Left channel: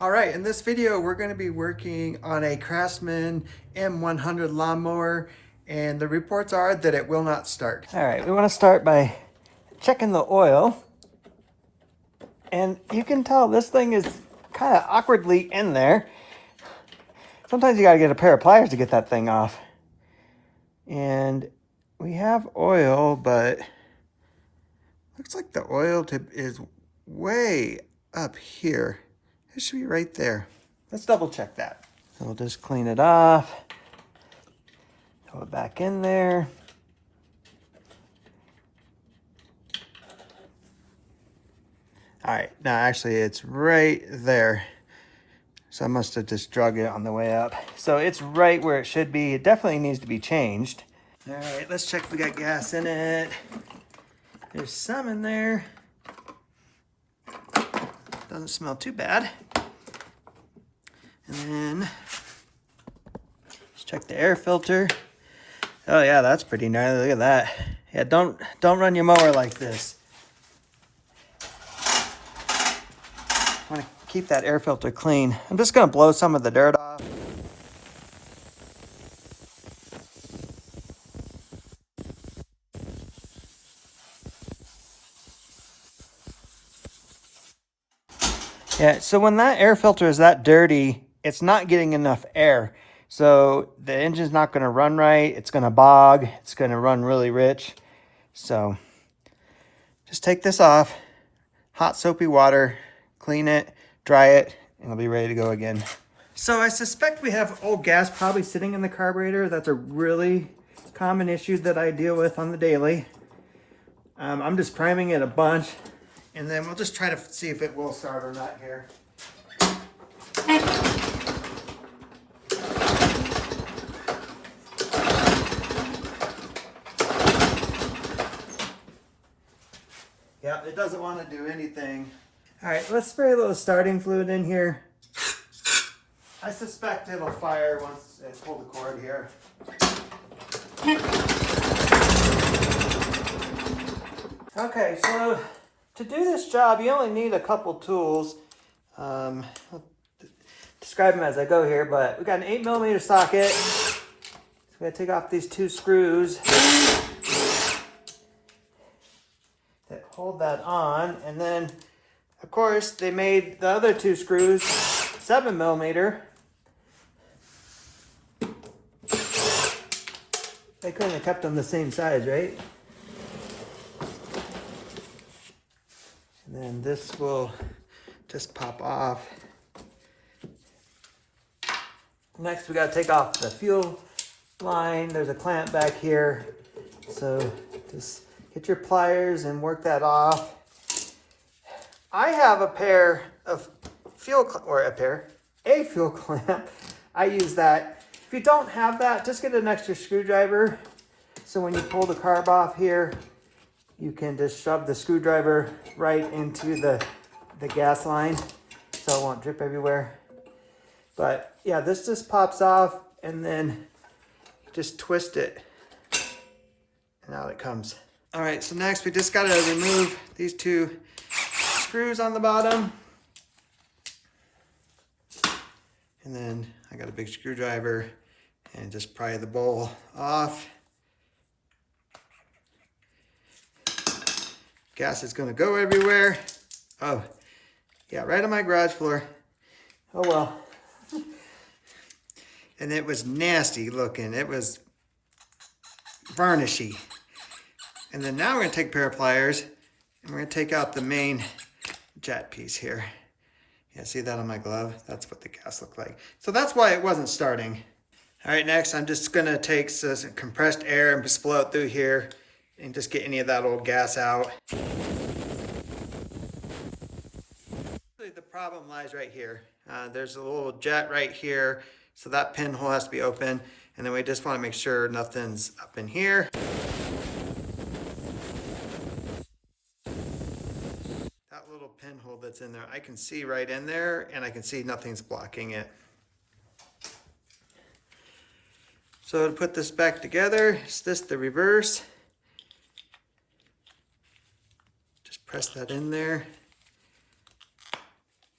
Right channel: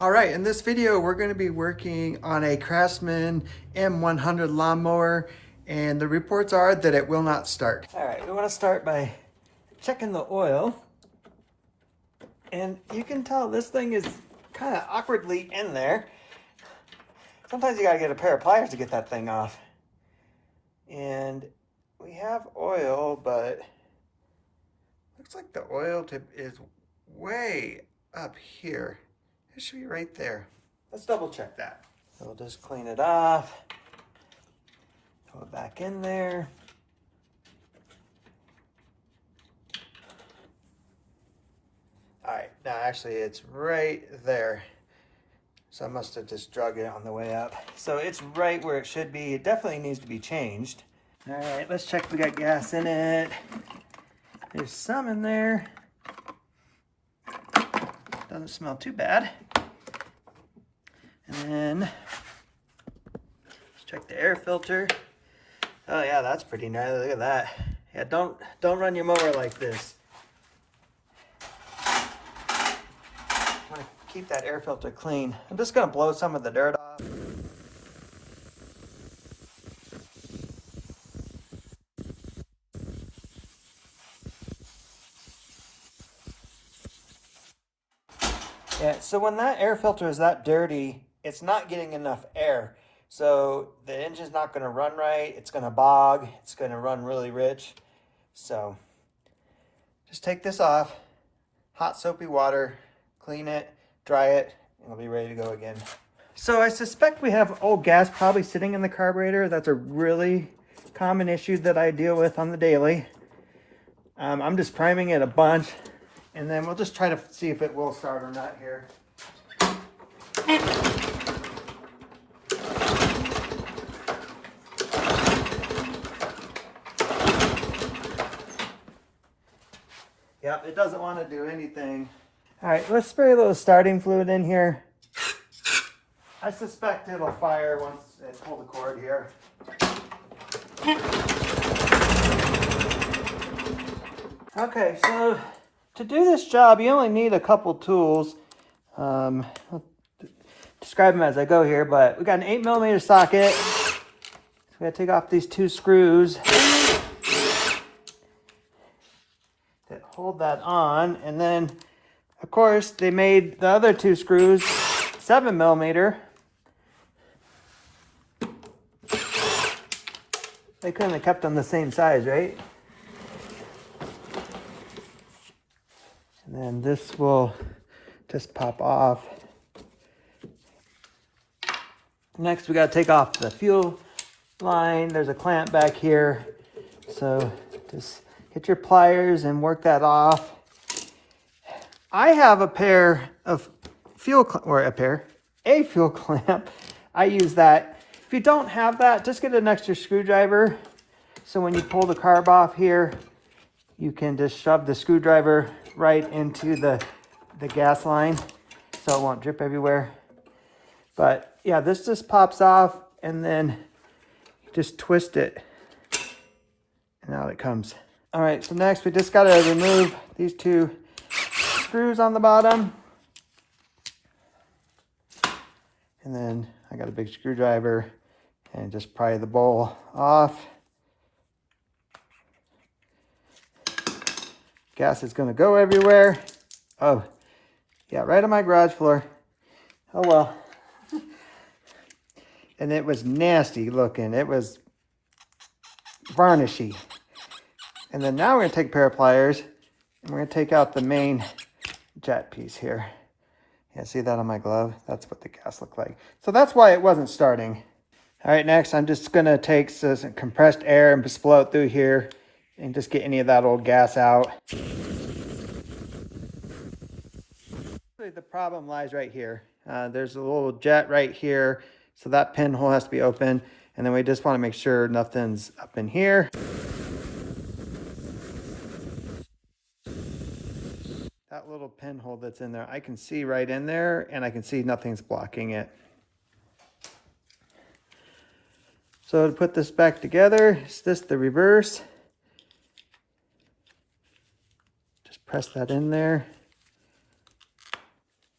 All right, in this video, we're going to be working on a Craftsman M100 lawnmower, and the reports are that it will not start. All right, we want to start by checking the oil. And you can tell this thing is kind of awkwardly in there. Sometimes you got to get a pair of pliers to get that thing off. And we have oil, but looks like the oil tip is way up here. It should be right there. Let's double check that. We'll just clean it off. Throw it back in there. All right, now actually it's right there. So I must have just drug it on the way up. So it's right where it should be. It definitely needs to be changed. All right, let's check if we got gas in it. There's some in there. Doesn't smell too bad. And then let's check the air filter. Oh yeah, that's pretty gnarly. Look at that. Yeah, don't run your mower like this. Want to keep that air filter clean. I'm just gonna blow some of the dirt off. Yeah, so when that air filter is that dirty, it's not getting enough air. So the engine's not gonna run right, it's gonna bog, it's gonna run really rich. So just take this off, hot soapy water, clean it, dry it, and it'll be ready to go again. So I suspect we have old gas probably sitting in the carburetor. That's a really common issue that I deal with on the daily. I'm just priming it a bunch. And then we'll just try to see if it will start or not here. Yeah, it doesn't want to do anything. All right, let's spray a little starting fluid in here. I suspect it'll fire once I pull the cord here. Okay, so to do this job, you only need a couple tools. I'll describe them as I go here, but we got an 8mm socket. So we gotta take off these two screws that hold that on, and then, of course, they made the other two screws 7mm. They couldn't have kept them the same size, right? And then this will just pop off. Next, we gotta take off the fuel line. There's a clamp back here. So just get your pliers and work that off. I have a pair of fuel clamp. I use that. If you don't have that, just get an extra screwdriver. So when you pull the carb off here, you can just shove the screwdriver right into the gas line so it won't drip everywhere. But yeah, this just pops off and then just twist it and out it comes. All right, so next we just gotta remove these two screws on the bottom. And then I got a big screwdriver and just pry the bowl off. Gas is gonna go everywhere. Oh, got right on my garage floor. Oh well. And it was nasty looking. It was varnishy. And then now we're gonna take a pair of pliers and we're gonna take out the main jet piece here. Yeah, see that on my glove? That's what the gas looked like. So that's why it wasn't starting. All right, next I'm just gonna take some compressed air and just blow it through here and just get any of that old gas out. The problem lies right here. There's a little jet right here, so that pinhole has to be open, and then we just want to make sure nothing's up in here. That little pinhole that's in there, I can see right in there, and I can see nothing's blocking it. So to put this back together, is this the reverse? Just press that in there.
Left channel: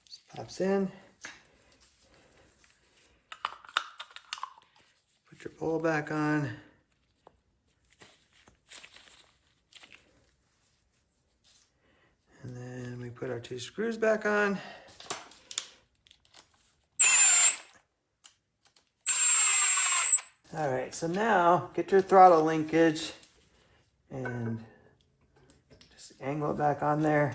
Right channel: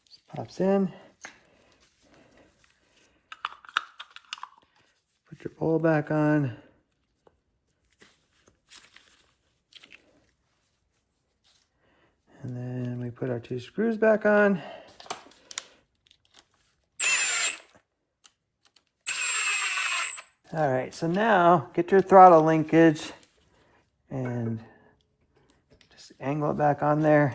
Just pops in. Put your bowl back on. And then we put our 2 screws back on. All right, so now get your throttle linkage and just angle it back on there.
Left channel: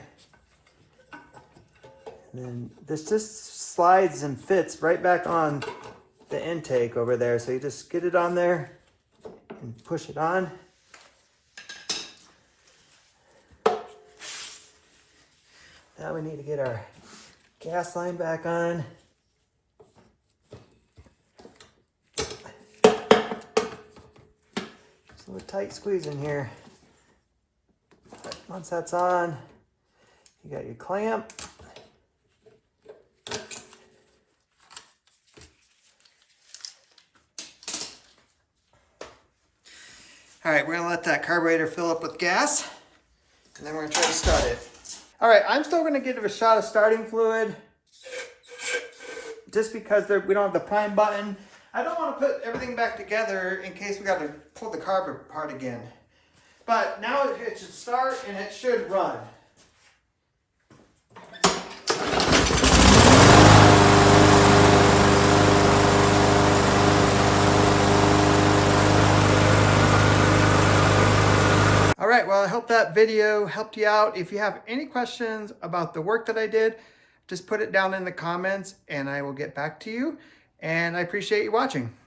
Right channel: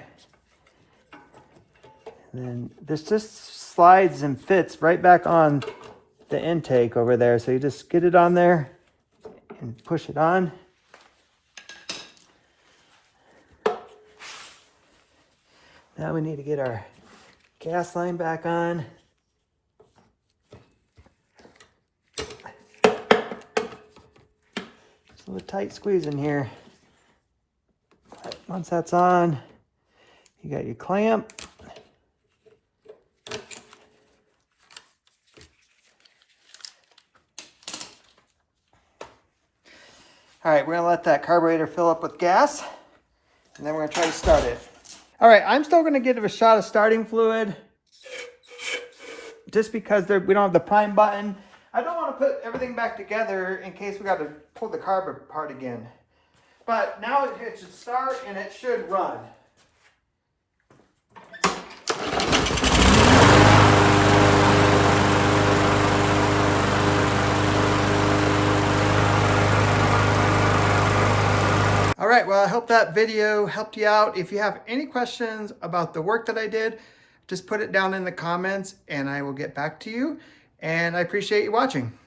And then this just slides and fits right back on the intake over there. So you just get it on there and push it on. Now we need to get our gas line back on. A little tight squeeze in here. Once that's on, you got your clamp. All right, we're gonna let that carburetor fill up with gas, and then we're gonna try to start it. All right, I'm still gonna give it a shot of starting fluid, just because we don't have the prime button. I don't want to put everything back together in case we got to pull the carb apart again. But now it should start and it should run. All right, well, I hope that video helped you out. If you have any questions about the work that I did, just put it down in the comments and I will get back to you. And I appreciate you watching.